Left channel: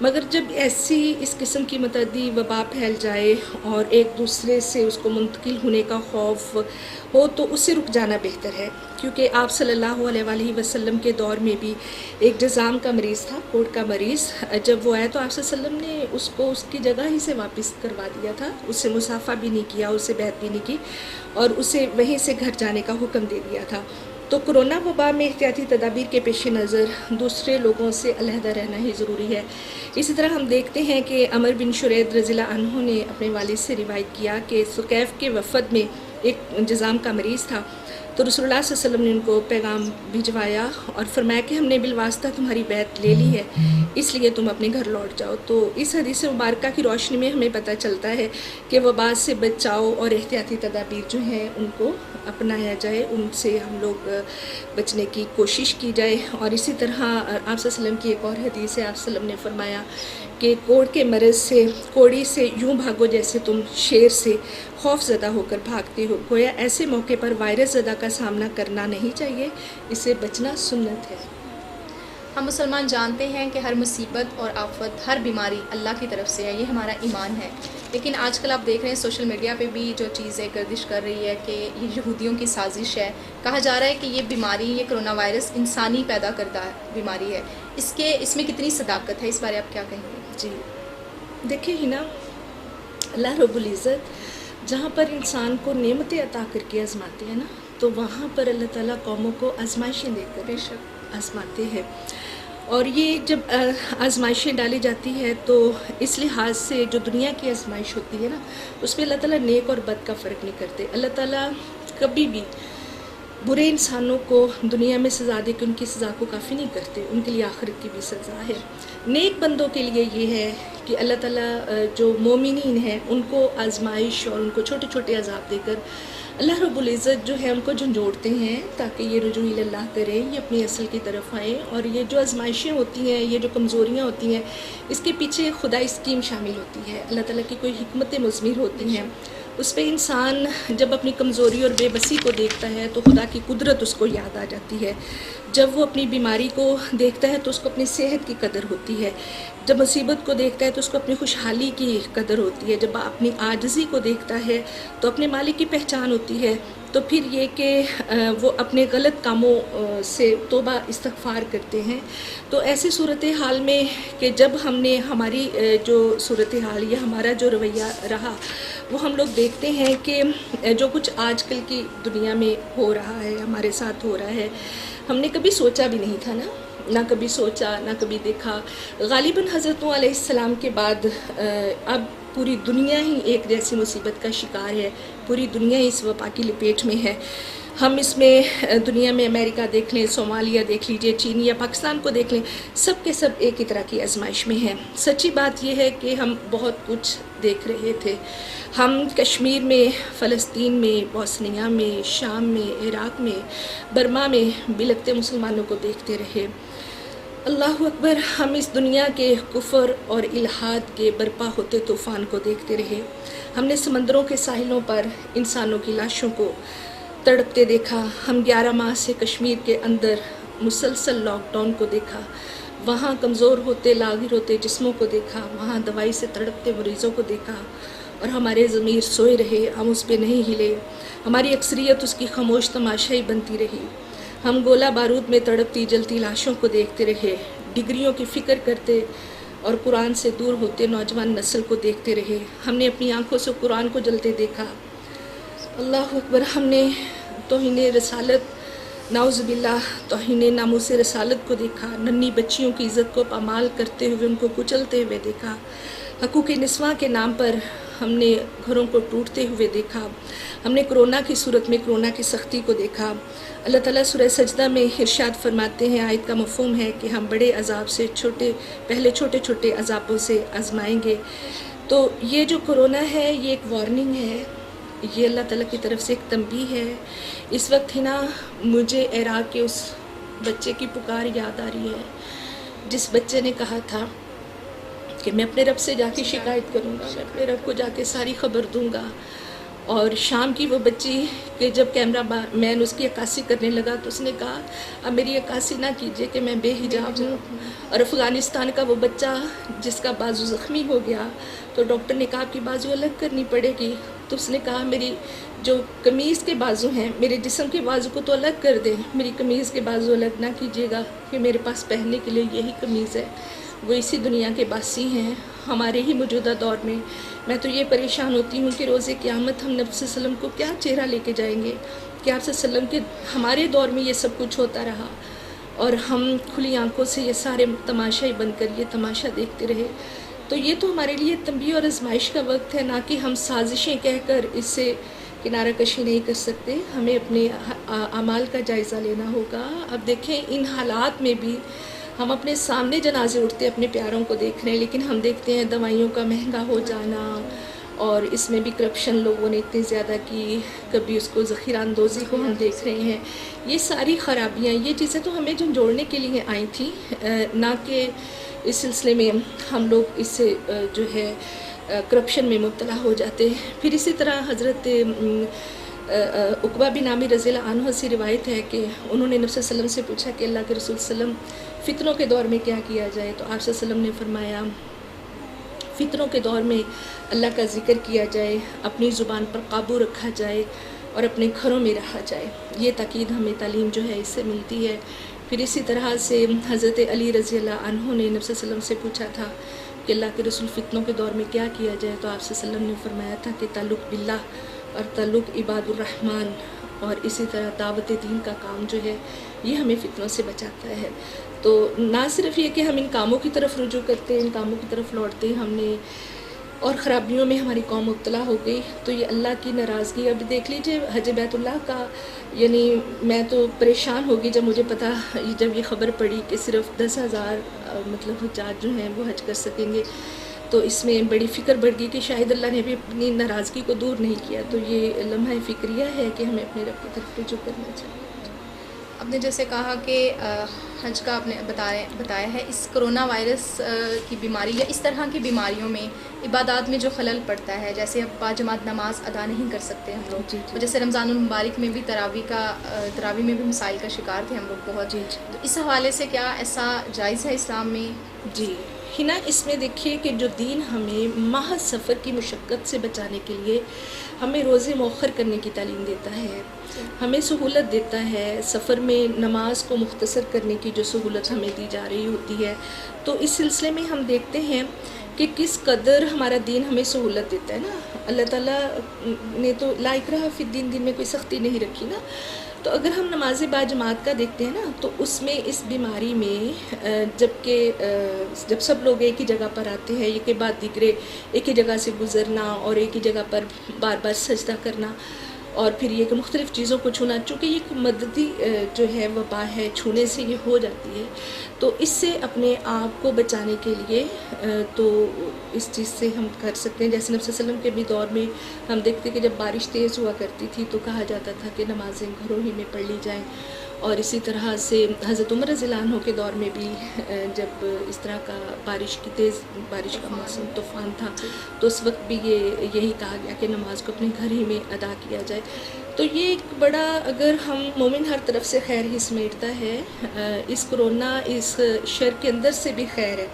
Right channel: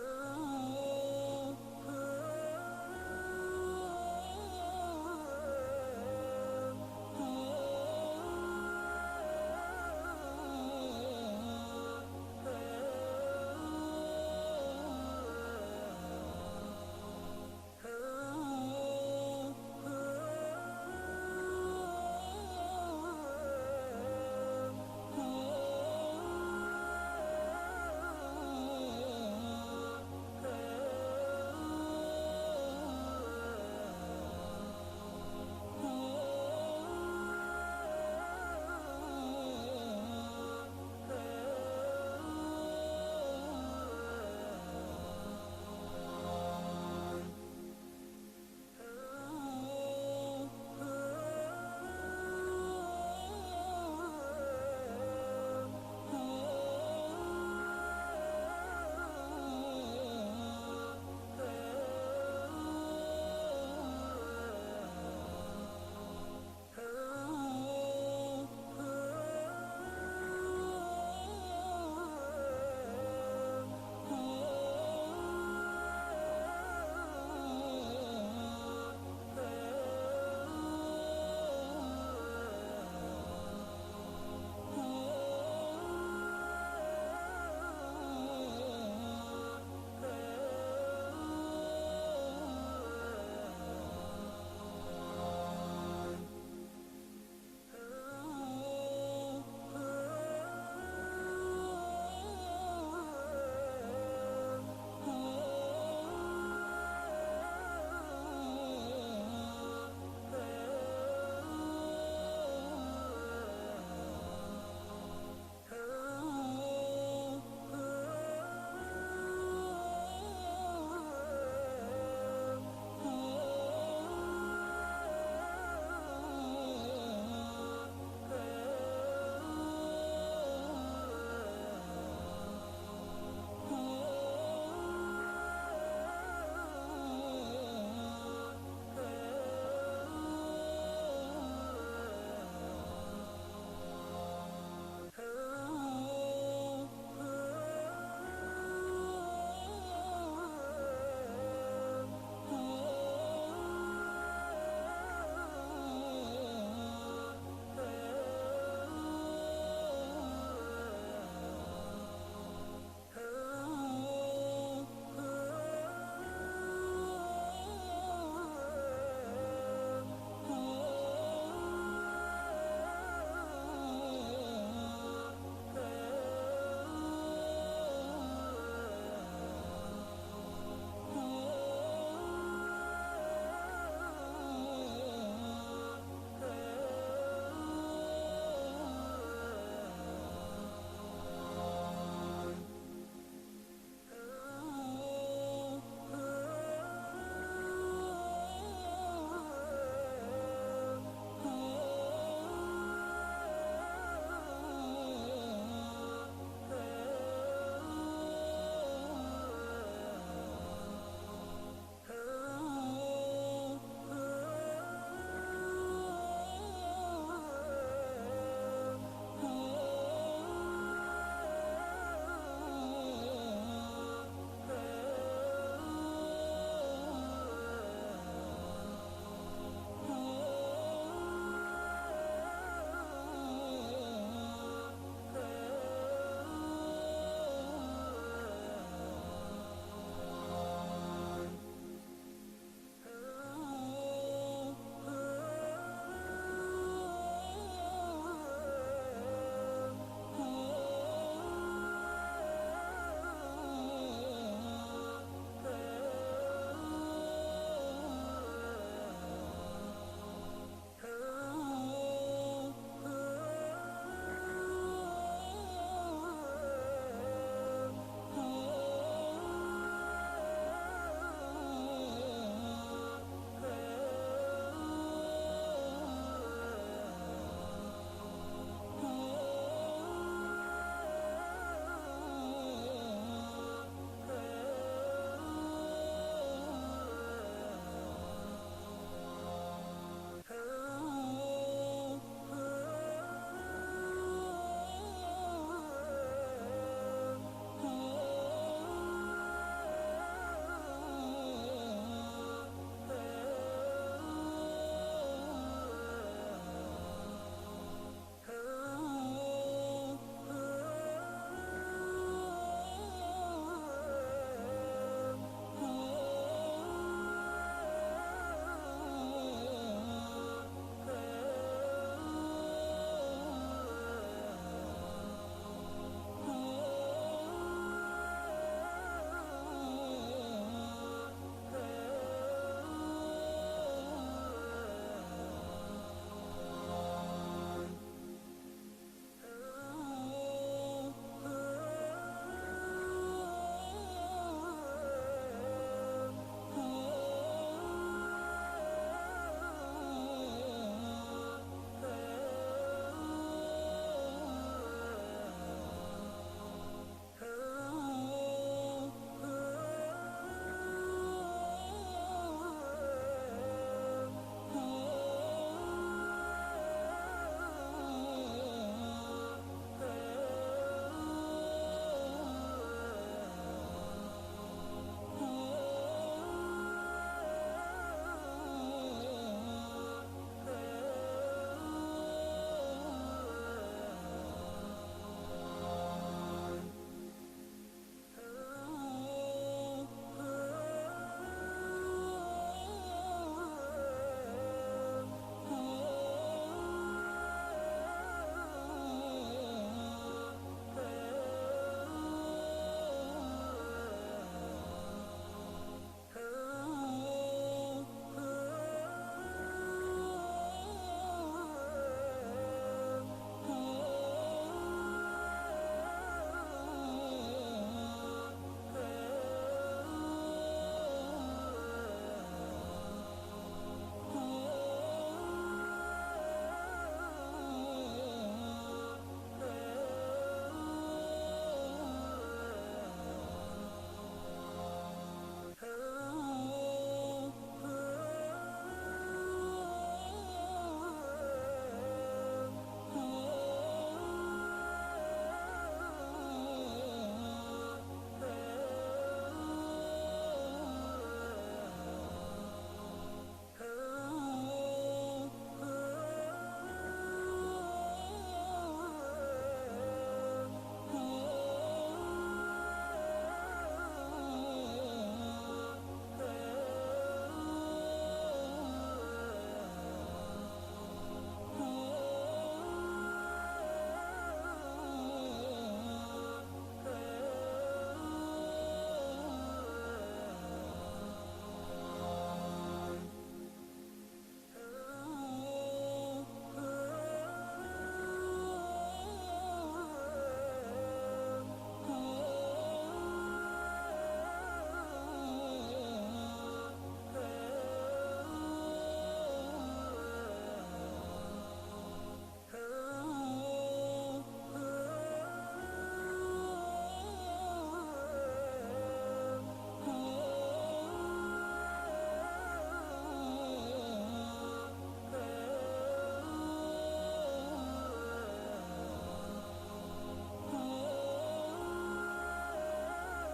مگر جب ایسی اس قسم کی متعدی وبا پھیل جائے اور ایک دوسرے سے اس کو منتقل ہونے کا خوف ہو تو اس سے رک جانا بہتر ہے، کیونکہ آپ صلی اللہ علیہ وآلہ وسلم کے دور میں بھی ایک جذام کا مریض تھا، کوڑ کا مریض. جب وہ آیا تو آپ صلی اللہ علیہ وسلم نے اس کو اس کی جگہ ہی سے واپس کروا دیا تھا، اس سے مصافحہ بھی نہیں کیا، اس سے بیعت بھی نہیں کی اور اسے وہیں سے گھر جانے کا حکم دے دیا تھا. تو کرونا وبا میں احتیاطی تدابیر کے پیش نظر دوسرے لوگوں سے علیحدہ رہنا ہی ضروری ہے. اسی طرح ہم دیکھتے ہیں کہ عمر بن شرید رضی اللہ عنہ نے اپنے والد سے روایت کیا کہ ثقیف کے وفد میں ایک جذام کا مریض تھا، تو رسول اللہ صلی اللہ علیہ وسلم نے ان کو پیغام بھجوایا اور فرمایا کہ ہم نے بالواسطہ تمہاری بیعت لے لی ہے، اس لیے تم اپنے گھر لوٹ جاؤ. تو اس حدیث مبارکہ کی روشنی میں ہمیں پتہ چلتا ہے کہ وبا سے بچاؤ اور احتیاطی تدابیر جو ہیں ان کو اپنایا جائے، ان سے ہم لوگ بچنے کی کوشش کی جائے. اور اسی طرح آپ صلی اللہ علیہ وسلم کی ایک اور حدیث ہے، آپ صلی اللہ علیہ وسلم نے فرمایا کہ کوڑ کے مرض سے، کوڑی سے یوں بھاگو جیسے تم شیر سے خوف زدہ ہو کر بھاگتے ہو. گویا ایسے موقع پر وائرس زدہ کا سامنا کرنا نہیں چاہیے، اس سے بچنا سنت ہے. ہم مسلمان جانتے ہیں کہ ہر مصیبت اور آفت، ہر بیماری اللہ کی طرف سے ہے، یہ ہمارا ایمان ہے. لیکن آج کل آپ دیکھ رہے ہیں سوشل میڈیا پہ بھی جو چیزیں گردش کر رہی ہے کہ یہ یہودیوں کی سازش ہے. کہا جا رہا ہے کہ یہ بیماری، یہ کرونا وائرس انسانی پیدا کردہ بیماری ہے. اس میں کتنی صداقت ہے، اس بارے آپ کیا کہیں گے؟ جی دیکھیں ہی نا، اللہ رب العزت جہاں پر انسان کو نعمتیں عطا کر کے آزماتے ہیں نا، تو وہاں پر اللہ تعالیٰ قوموں کو آزمائشیں دے کر بے شک آزماتے ہیں. اور یہ جب آزمائشیں ڈالی جاتی ہے تو اس لحاظ سے جو دنیا کی آزمائش ہوتی ہے نا، اس میں اللہ تعالیٰ نیک اور بد کا فرق نہیں کرتے. اللہ تعالیٰ کبھی بھی برے انسانوں کو دنیا میں سزا دے کے ان کی سزا کو کافی نہیں کرتے، ان کے لیے آخرت کی بھی سزا ہے. نیک بندوں کے لیے یہ ہے کہ اللہ تعالیٰ جو مومنین ہیں ان کو آزمائش اور ان کو چھوٹے چھوٹے عذاب دے کر اللہ رب العزت جو ہے ان کو جھنجھوڑتے ہیں تاکہ یہ رجوع اللہ کریں، یہ اپنی اصل کی طرف آئیں. اور یہ جو آزمائشیں ہوتی ہیں، یہ جو کمزوریاں ہوتی ہیں، اس کے پیچھے خدائی اسکیم شامل ہوتی ہے، اللہ تعالیٰ کی کوئی حکمت مضمر ہوتی ہیں. اس پہ انسان جب اپنی کمزوری اور بے بسی کو دیکھتا ہے تو خدا کی قدرت اس کو یاد آ جاتی ہے. جب وہ اپنی بیماری کو دیکھتا ہے تو اس کو اپنی صحت کی قدر ہوتی ہے. جب مصیبت کو دیکھتا ہے تو اس کو اپنی خوشحالی کی قدر ہوتی ہے. جب اپنی عاجزی کو دیکھتا ہے تو اپنے مالک کی پہچان ہوتی ہے. تو پھر یہ کہ وہ اپنے غلط کاموں سے توبہ استغفار کرتے ہیں. تو ایسی صورتحال میں کہ جب ہم نے ہماری جو صورتحال یا ہمارا جو رویہ رہا وہ ہم لوگ دیکھتے ہیں کہ جو کچھ آج کل کی دنیا میں ہو رہا ہے، ہمارے ساتھ ہو رہا ہے، ہم نے کبھی سوچا بھی نہیں تھا نا، نہ کبھی سوچا نہ کبھی دیکھا. غالباً حضرت علیہ السلام کے بعد اب پوری دنیا ہی ایک جیسی مصیبت کا شکار ہے، پوری دنیا ہی اس وبا کی لپیٹ میں ہے. ہم اس میں دنیا میں امریکہ دیکھ لیں، صومالیہ دیکھ لیجئے، چین یا پاکستان کو دیکھ لیں، سب کے سب ایک ہی طرح کی آزمائش میں ہیں. سچی بات یہ ہے کہ ہم بہت کچھ دیکھ رہے تھے. ہم کشمیر میں، فلسطین میں، بوسنیا میں، شام میں، عراق میں، برما میں بلکتے مسلمانوں کو دیکھتے رہے. اللہ اکبر. ہم اس دنیا کے کفر اور الحاد کے برپا ہوتے طوفان کو دیکھتے رہے. ہم نے سمندروں کے ساحلوں پر انسانوں کی لاشوں کو تڑپتے دیکھا. ہم 11 ماہ سے کشمیر کے اندر مسلسل لاک ڈاؤن کو دیکھا. وہاں کمزور ہوتے لاغر ہوتے جسموں کو دیکھا. وہاں دوائی سے تڑپتے مریضوں کو دیکھا اور ہمارے ضمیر سوئے رہے، ہم اس پہ نہیں ہلے. ہماری اکثریت اس کی خاموش تماشائی بنتی رہی. ہم گولہ بارود میں تڑپتی جلتی لاشوں کو دیکھتے رہے، ڈگریوں کی فکر کرتے اور قرآن سے دور ہوتے نوجوان نسل کو دیکھتے رہے. ہم نے اپنی آنکھوں سے قرآن کو جلتے دیکھا. اللہ اکبر. ہم نے توہین رسالت، نعوذ باللہ، توہین ناموس رسالت کو دیکھا. ننھی بچیوں کی عزت کو پامال کرتے ہوئے ان کو کچلتے ہوئے دیکھا. حقوق نسواں کے نام پر ہم نے گھروں کو ٹوٹتے ہوئے دیکھا. ہم نے کرونا کی صورت میں کرونا کی سختی کو دیکھا. اللہ تعالیٰ سورہ سجدہ میں ارشاد فرماتے ہیں، آیت کا مفہوم ہے کہ ہم بڑے عذاب سے پہلے چھوٹے چھوٹے عذابوں سے آزمائیں گے. تو یہ جو کرونا ہے یہ ایک وارننگ ہے، یہ اللہ تعالیٰ کی طرف سے ایک تنبیہ ہے. اس وقت ہی نا مجھے عراق کے اس بچے کی پکار یاد آ رہی ہے جس بچے نے کہا تھا کہ میں اپنے رب سے جا کے شکایت کروں گا، میں اپنے رب کو جا کے ساری خبر دوں گا. اور شام کی وہ بچی کہ جب کیمرہ مین اس کی عکاسی کرنے لگا تو اس نے کہا اب میری عکاسی نہ کیجیے کہ میں بے حجاب ہوں. اور افغانستان کا وہ بچہ جس کا بازو زخمی ہو گیا تو ڈاکٹر نے کہا آپ کی بازو الگ کرنی پڑے گی. تو اس نے کہا میری جو قمیض کے بازو ہیں میرے جسم کے بازو کو تو الگ کر دیں, میری قمیض کے بازو الگ نہ کیجیے گا کہ میرے پاس پہننے کے لیے یہی قمیض ہے. وہ اسی دنیا کے باسی ہیں ہمارے ہی موجودہ دور میں. میں تو یہ پریشان ہوتی ہوں کہ روز قیامت ہم نبی صلی اللہ علیہ وسلم کو کیا چہرہ لے کے جائیں گے کہ آپ صلی اللہ علیہ وسلم کے ہمارے دور میں یہ سب کچھ ہوتا رہا اور ہم کھلی آنکھوں سے یہ سارے تماشائی بن کر یہ تماشا دیکھتے رہے. تو یہ تو ہمارے لیے تنبیہ اور آزمائش کا وقت ہے, نہ کہ ہم سازشیں کہہ کر اس سے کنارہ کشی نہیں کر سکتے. ہمیں اپنے اعمال کا جائزہ لینا ہوگا. اب دیکھیں ان حالات میں بھی ہم اپنے سامنے جنازے اٹھتے اپنے پیاروں کو دیکھ رہے ہیں, لیکن ہم دیکھتے ہیں دوائیوں کا مہنگا ہو جانا اور اس میں بھی کرپشن لوگوں نے اتنی زیادہ کی, کبھی اس کو ذخیرہ اندوزی کو ہم دیکھ رہے ہیں. یہ ساری خرابیاں یہ چیزیں تو ہمیں جھنجھوڑنے کے لیے آئی تھیں, نہ کہ اس سلسلے میں ہم لوگ اس سے جو ہے کرپشن میں مبتلا ہو جاتے. پھر اسی طرح حضرت عقبہ بن عامر رضی اللہ عنہ سے روایت ہے کہ انہوں نے نبی صلی اللہ علیہ وسلم سے پوچھا کہ اللہ کے رسول صلی اللہ علیہ وسلم فتنوں کے دور میں کیا کیا جائے, تو آپ صلی اللہ علیہ وسلم نے فرمایا فتنوں کے دور میں اللہ کا ذکر کیا جائے, اپنی زبان پر قابو رکھا جائے اور اپنے گھروں میں رہا جائے. یہ تاکید ہمیں تعلیم جو ہے اس سے ملتی ہے. پھر اسی طرح سے حضرت علی رضی اللہ عنہ نے نبی صلی اللہ علیہ وسلم سے پوچھا تھا کہ اللہ کے رسول فتنوں کے دور میں کیا کیا جائے, تو آپ صلی اللہ علیہ وسلم نے فرمایا تھا کہ تعلق باللہ اور تعلق عباد الرحمن اور اسی طرح دعوت دین کا کام جو ہے یہ ہمیں فتنوں سے بچاتا ہے. تو نہ صرف یہ کہ ہم ان کاموں کی طرف رجوع کرتے ہیں, ان کاموں کی طرف لوٹتے ہیں, ہم نے اور خرابیوں میں ہماری قوم مبتلا ہو گئی تو یہ اللہ کی ناراضگی. اب دیکھ لیجئے حج بیت اللہ کا, یعنی میں تو پریشان ہوگی جب مجھے پتہ جب یہ خبر پڑی کہ صرف 10,000 مطلب حجاج جو ہیں وہ حج کر سکیں گے, تو اس میں بڑی فکر بڑھ گئی کہ شاید اللہ نے بھی اپنی ناراضگی کو دور نہیں کیا. تو یہ لمحہ فکریہ ہے کہ ہمیں اپنے رب کی طرف رجوع کرنا چاہیے. آپ نے جیسے کہا کہ حج کا آپ نے بتایا ہے, اس کرونا وائرس کی بیماری یا اس طرح کی بیماریوں میں عبادات میں جو خلل پڑتا ہے, جیسے اب باجماعت نماز ادا نہیں کر سکتے ہم لوگ, تو جیسے رمضان المبارک میں بھی تراویح میں بھی مسائل کا شکار تھے ہم لوگ بہت. تو اس حوالے سے کیا ایسا جائز ہے اسلام میں؟ جی ہنا, اس میں دیکھیے کہ جو دین ہمیں محض سفر کی مشقت سے بچانے کے لیے ہمیں روزے مؤخر کرنے کی تعلیم دیتا ہے, ہمیں سہولت دیتا ہے, سفر میں نماز کو مختصر کرنے کی جو سہولت ہمیں دی جا رہی ہوتی ہے. تو اس سلسلے میں ہم دیکھتے ہیں کہ کس قدر ہمارا دین ہمیں سہولت دیتا ہے نا. اللہ تعالیٰ نے تو لا اکراہ فی الدین, دین میں کوئی سختی نہیں رکھی نا. تو اگر ہم نماز باجماعت کا دیکھتے ہیں نا, تو اس میں اس بیماری میں جب سب لوگ ایک ہی جگہ پر آتے ہیں, ایک کے بعد دیگرے ایک ہی جگہ سے گزرنا اور ایک ہی جگہ پر بار بار سجدہ کرنا اور پھر یہ کہ مختلف چیزوں کو چھونا, چونکہ یہ ایک مددی جو ہے وبا ہے, چھونے سے یہ ہو جاتی ہے. تو اس سے اپنے آپ کو بچانے کے لیے تو اس چیز سے ہم کر سکتے ہیں. جیسے نبی صلی اللہ علیہ وسلم کے بھی دور میں ہم دیکھتے کہ جب بارش تیز ہوا کرتی تھی تو کہا جاتا تھا کہ نمازیں گھروں ہی میں پڑھ لی جائیں. اور اسی طرح سے حضرت عمر رضی اللہ عنہ کے دور میں بھی جب اس طرح کا تیز بارش کا موسم طوفان تھا تو اس وقت بھی یہی کہا گیا کہ نماز کو اپنے گھر ہی میں ادا کیا جائے. تو یہ ایک بڑا, اگر ہم مومن ہر طرف سے خیر ہی سمیٹتا ہے, اس کرونا اس شر کے اندر سے بھی خیر ہے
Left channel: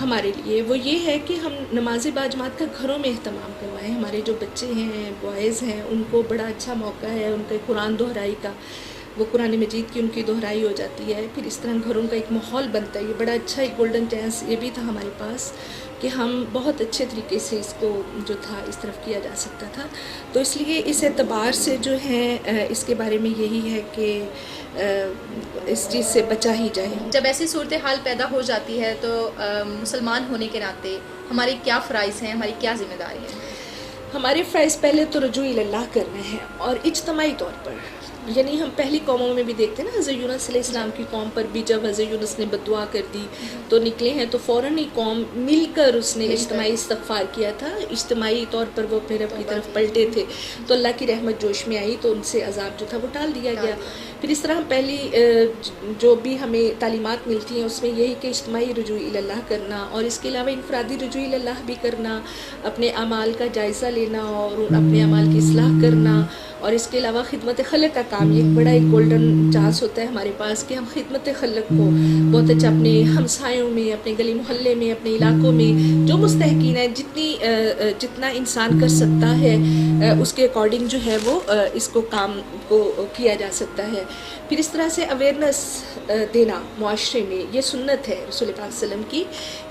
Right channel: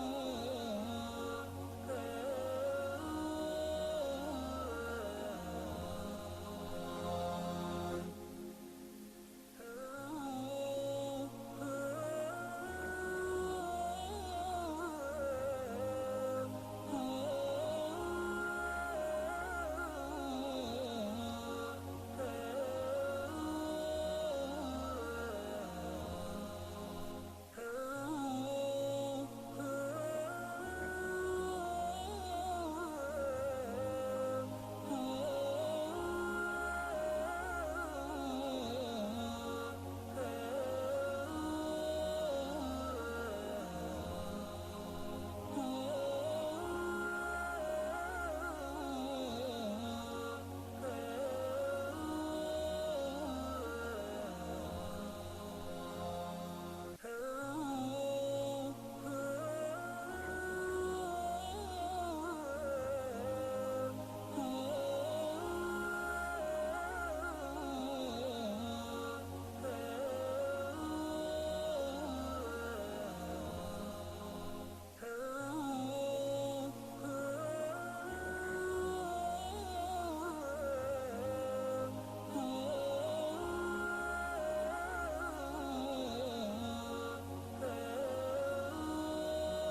ہمارے لیے, وہ یہ ہے کہ ہم نماز باجماعت کا گھروں میں اہتمام کروائیں. ہمارے جو بچے ہیں, بوائز ہیں, ان کو بڑا اچھا موقع ہے ان کے قرآن دہرائی کا, وہ قرآن مجید کی ان کی دہرائی ہو جاتی ہے. پھر اس طرح گھروں کا ایک ماحول بنتا ہے. یہ بڑا اچھا ایک گولڈن چانس یہ بھی تھا ہمارے پاس کہ ہم بہت اچھے طریقے سے اس کو جو تھا اس طرف کیا جا سکتا تھا. تو اس لیے اس اعتبار سے جو ہے اس کے بارے میں یہی ہے کہ اس چیز سے بچا ہی جائے. جب ایسی صورتحال پیدا ہو جاتی ہے تو مسلمان ہونے کے ناطے ہمارے کیا فرائض ہیں, ہماری کیا ذمہ داری ہے؟ ہمارے فرائض پہلے تو رجوع اللہ کرنا ہے, اور اجتماعی طور پر یعنی ہم پہلی قوموں میں بھی دیکھتے ہیں نا، حضرت یونس علیہ السلام کی قوم پر بھی جب حضرت یونس نے بددعا کر دی تو نکلے ہیں، تو فوراً ہی قوم مل کر اس نے اجتماعی استغفار کیا تھا، اجتماعی طور پر وہ اپنے رب کی طرف پلٹے تھے، تو اللہ کی رحمت جوش میں آئی تو ان سے عذاب جو تھا وہ ٹال دیا گیا۔ پھر اس طرح ہم پہلی جو بھی ہمیں تعلیمات ملتی ہیں اس میں یہی کہ اجتماعی رجوع اللہ کرنا، اور اس کے علاوہ انفرادی رجوع اللہ بھی کرنا، اپنے اعمال کا جائزہ لینا اور اپنے اعمال کی اصلاح کرنا، اور اس کے علاوہ خدمت خلق کا کام، یہ ایک بڑا ایک گولڈن چانس ہوتا ہے ہمارے پاس کہ ہم خدمت خلق کو بہت اچھا اپنے ہمسایوں میں، اپنے گلی محلے میں، اپنے علاقوں میں جو مستحقین ہیں، جتنا انسان کر سکتا ہے اس کے اکارڈنگ جو ہے وہ اس کو کام کو کیا جا سکتا ہے۔ پھر اس طرح سے اویئرنس دینا معاشرے میں، یہ سنت ہے رسول پاک صلی اللہ علیہ وسلم کی،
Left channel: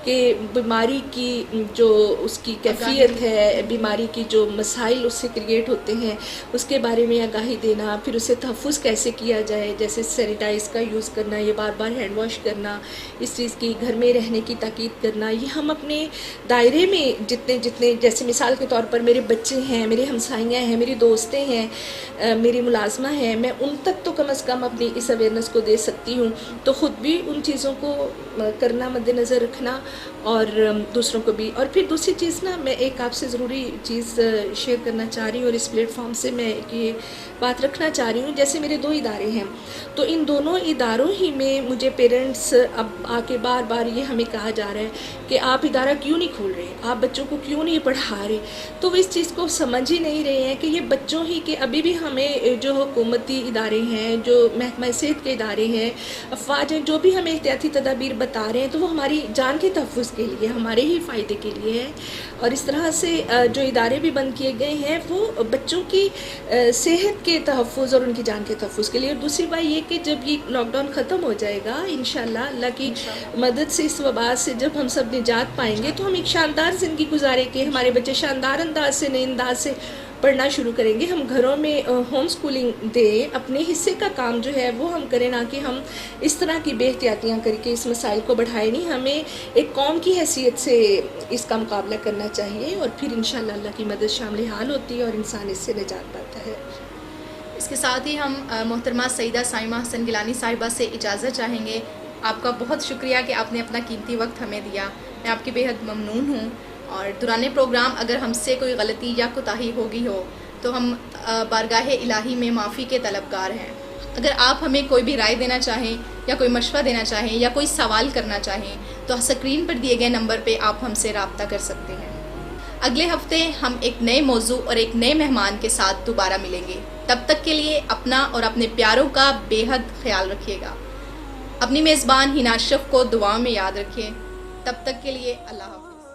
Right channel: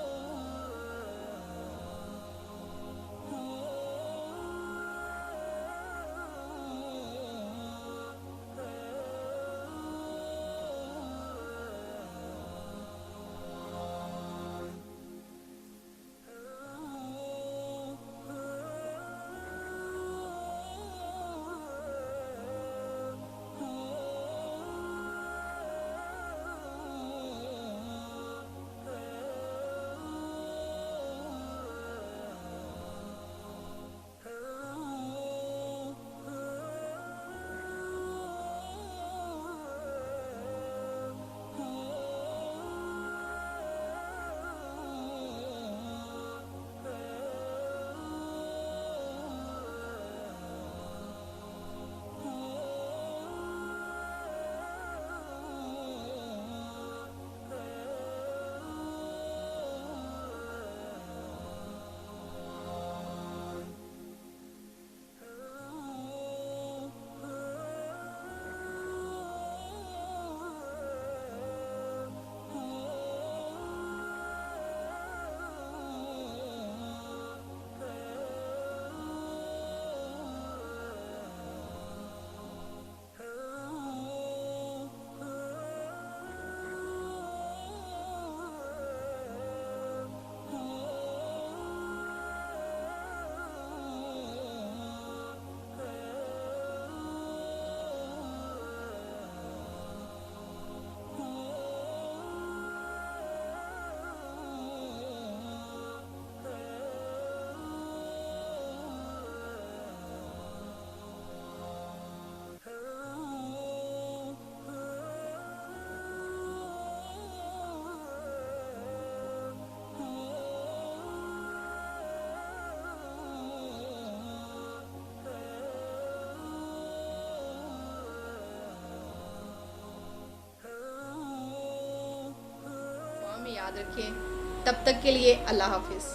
کہ بیماری کی جو اس کی کیفیت ہے، بیماری کی جو مسائل اس سے کریٹ ہوتے ہیں اس کے بارے میں آگاہی دینا، پھر اسے تحفظ کیسے کیا جائے، جیسے سینیٹائز کا یوز کرنا، یہ بار بار ہینڈ واش کرنا، اس چیز کی گھر میں رہنے کی تاکید کرنا، یہ ہم اپنے دائرے میں جتنے جیسے مثال کے طور پر میرے بچے ہیں، میرے ہمسائیاں ہیں، میری دوستیں ہیں، میری ملازمہ ہیں، میں ان تک تو کم از کم اپنی اس اویئرنیس کو دے سکتی ہوں، تو خود بھی ان چیزوں کو کرنا، مد نظر رکھنا، اور دوسروں کو بھی۔ اور پھر دوسری چیز نا، میں ایک آپ سے ضروری چیز شیئر کرنا چاہ رہی ہوں، اور اس پلیٹ فارم سے میں یہ بات رکھنا چاہ رہی ہوں، جیسے میرے 2 ادارے ہیں، تو ان دونوں اداروں ہی میں مجھے پیرنٹس اب آ کے بار بار یہ ہمیں کہا جا رہا ہے کہ آپ ادارہ کیوں نہیں کھول رہے، آپ بچوں کو کیوں نہیں پڑھا رہے، تو وہ اس چیز کو سمجھ ہی نہیں رہے ہیں کہ یہ بچوں ہی کے ابھی بھی ہمیں جو حکومتی ادارے ہیں، جو محکمہ صحت کے ادارے ہیں، افواج ہیں، جو بھی ہمیں احتیاطی تدابیر بتا رہے ہیں تو وہ ہماری جان کے تحفظ کے لیے، ہمارے ہی فائدے کے لیے ہے، اور اس طرح سے جو ادارے بھی بند کیے گئے ہیں وہ بچوں کی صحت کے تحفظ اور ان کی جان کے تحفظ کے لیے۔ اور دوسری بات یہ کہ جب یہ لاک ڈاؤن ختم ہو جائے گا انشاءاللہ، اللہ کی مدد سے اس وبا سے جب ہم سب نجات پائیں گے تو ہم ایک شاندار زندگی گزارے کہ ہمارے بچے شاندار انداز سے، نئے انداز سے پڑھنا شروع کریں گے، ہم گھروں میں ہوم سکولنگ دیں، اپنے حصے کا کام جو ہے وہ ہم کریں، نہ کہ ہم اس طرح کی بے احتیاطیاں کر کے اس مسائل کو بڑھائے نہیں۔ ہمیں ایک قوم کی حیثیت سے اس کا مقابلہ کرنا چاہیے، اور پھر انشاءاللہ اللہ کی مدد شامل حال ہوتی ہے اور انسان اس سے نجات پاتا ہے۔ اس کے ساتھ ہی ہم محترمہ سیدہ سائمہ حسن گیلانی صاحبہ سے اجازت چاہیں گے۔ آپ کا بہت شکریہ کہ آپ نے اپنا قیمتی وقت ہمیں دیا، میں آپ کی بے حد ممنون ہوں، اور دوران پروگرام اگر ہم سے کوئی غلطی یا کوتاہی ہوگی ہو تو ہم بارگاہ الہی میں معافی کے طلبگار ہیں۔ اگر آپ ہمیں کوئی بھی رائے دینا چاہیں یا کوئی مشورہ دینا چاہیں یا کوئی سوال کرنا چاہیں تو اسکرین پر دیے گئے نمبر پہ آپ ہم سے رابطہ کر سکتے ہیں۔ اگلے ہفتے ہم ایک نئے موضوع اور ایک نئے مہمان کے ساتھ دوبارہ ملیں گے۔ تب تک کے لیے اپنا اور اپنے پیاروں کا بے حد خیال رکھیے گا۔ اپنی میزبان ہنا اشرف کو دعاؤں میں یاد رکھیں۔ تب تک کے لیے اللہ حافظ۔